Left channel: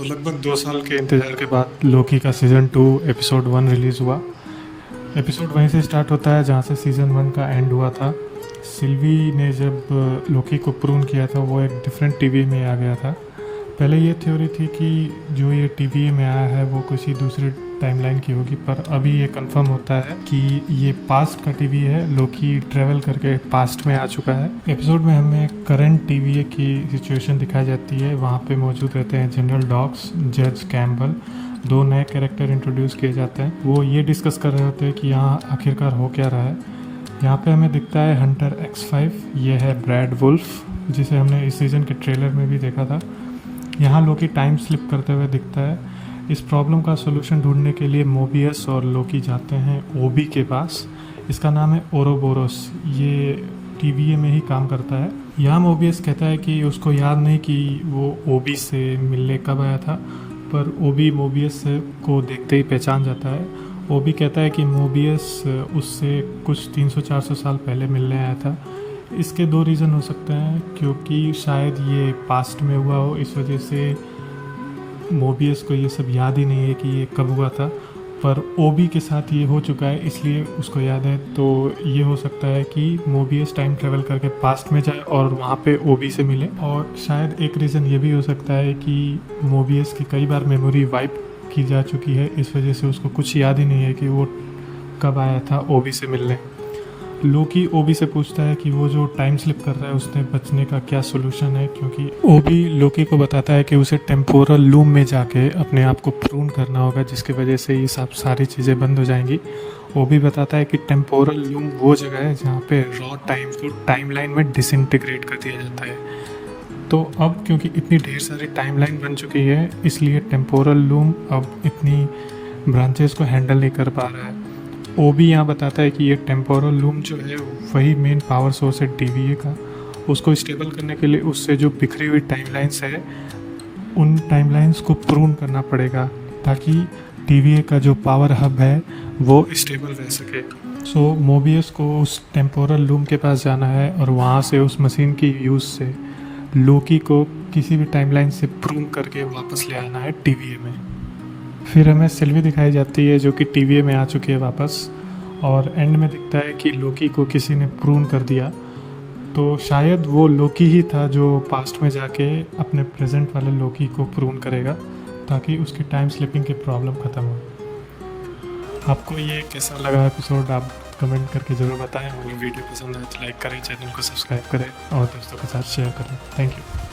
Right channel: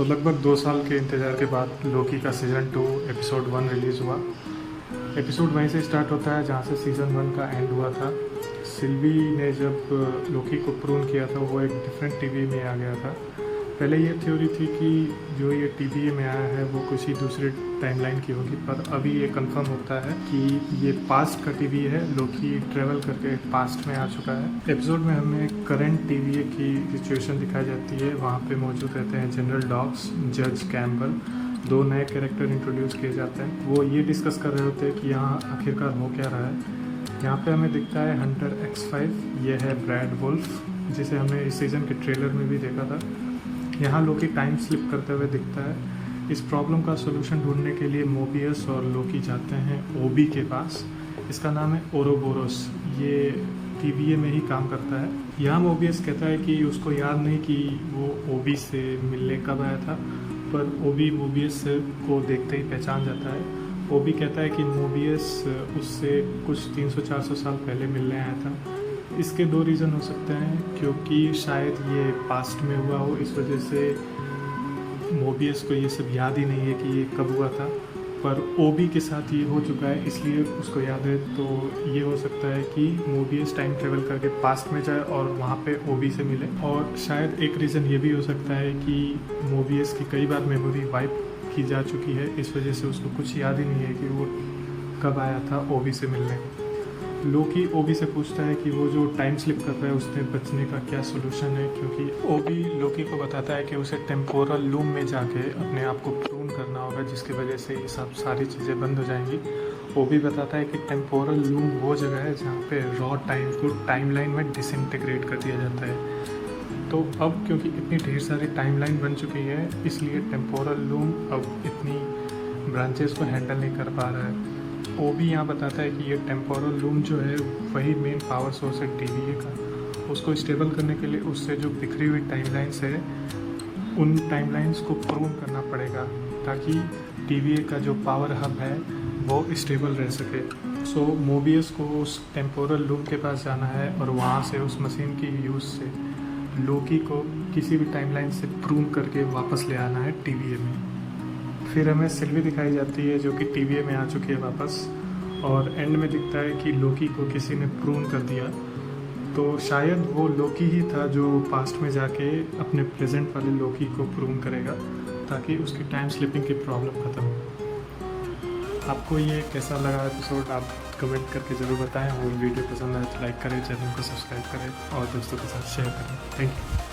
तो लगभग 2 साल के इंतज़ार के बाद लोकी का सीज़न 2 एपिसोड 1 रिलीज़ हुआ। एपिसोड वहीं से स्टार्ट होता है जहाँ से सीज़न 1 का एंड हुआ था। सिल्वी ने जब लोकी को प्रून किया था वो एक डिफरेंट टीवी में आ गया था। पहले ये थ्योरी थी कि जो ये टीवी में आया है वो किसी दूसरे टाइमलाइन की होगी, पर अभी ये कंफर्म होता है कि ये पास्ट का टीवी है। लोकी ट्रेवल करके पास्ट में आ चुका है। एपिसोड में हमें करंट टीवी की सिचुएशन दिखाई जाती है। वहाँ पे मौजूद रहते हैं जनरल डॉक्स, जज कैम्पबेल, 2 नए कैरेक्टर इंट्रोड्यूस किए जाते हैं। वो ये डिस्कस कर रहे होते हैं कि यहाँ आखिरकार हो क्या रहा है। यहाँ पे हमें दिखता है हंटर X5, ये है ब्रैड वुल्फ जिसे हमने इस सीज़न के ट्रेलर में भी देखा था। यहाँ लोकी टाइम स्लिप करते हुए दिखता है। इस प्रॉब्लम का सोल्यूशन ढूंढने के लिए मोबियस और लोकी जाते हैं ओबी के पास। इसका नाम है ओरोबोरोस, ये टीवीए में ही काम करता है। यहाँ मोबियस कहता है कि उसको याद नहीं कि वो ओबी से मिलने कब आया था, पर ओबी मोबियस को देखते ही पहचान जाता है। ओबी कहता है कि मोबियस उससे कुछ 300-400 साल पहले मिलने आया था। इसके 2 रीज़न हो सकते हैं, क्योंकि शायद ये पास्ट में हुआ हो, इस वजह से मोबियस को ये सब याद ही नहीं है कि ये कब हुआ था। पर ओबी के साथ ये हो चुका है इसलिए उसको याद है। तो ये हो सकता है कि मोबियस टाइम ट्रेवल करके पास्ट में जाए और वहाँ पे ओबी से मिले। और शायद एक रीज़न ये भी हो सकता है कि मोबियस की कई बार मेमोरी वाइप की जा चुकी है, इस वजह से उसको कुछ याद ही नहीं है कि वो कब आया था ओबी से मिलने। लोकी ओबी से पूछता है कि वो जो टाइम स्लिप कर रहा है उससे बचने का क्या सोल्यूशन है, क्योंकि ओबी लोकी को बताता है कि उसे टेम्पोरल लूम में जाके अपने आप को प्रून करना होगा, जिसकी वजह से ये सब सारी चीज़ें बंद हो जाएंगी। ओबी बताता है कि टेम्पोरल लूम वो जगह है जहाँ पे रॉ टाइम को टाइमलाइन में डिसइंटीग्रेट कर दिया जाता है। तो अब क्योंकि इतनी ढेर सारी टाइमलाइन बन चुकी है, इसलिए टेम्पोरल लूम अब इतनी ब्रांचेस को हैंडल नहीं कर पा रहा है। ओबी यहाँ बताता है कि ये टेम्पोरल लूम जो है वही मेन पावर सोर्स है टीवीए का। उसको स्टेबल करने के लिए उससे जो बिखरी हुई टाइमलाइंस है उन टाइमलाइंस को प्रून करना पड़ेगा, ताकि टीवीए का जो पावर हब है वो स्टेबल रह सके। सो मोबियस को उस टेम्पोरल लूम के पास जाना है और वहाँ से उस मशीन की यूज़ से लोकी को किसी भी टाइमलाइन से प्रून करके वापस ले आना है टीवीए में। फिर हमें सिल्वी दिखाई जाती है जो कि टीवीए में आ चुकी है वापस, और एंड में दिखता है कि लोकी को किसी ने प्रून कर दिया। तो शायद वो लोकी ही था जो पास्ट में जाके अपने प्रेजेंट वाले लोकी को प्रून करेगा, ताकि उसकी टाइम स्लिपिंग की प्रॉब्लम ख़त्म हो। आपको ये कैसा लगा एपिसोड आप कमेंट करके ज़रूर बताएं। वो वीडियो पसंद आए तो लाइक करें, चैनल को सब्सक्राइब करें और दोस्तों के साथ शेयर करें। Thank you.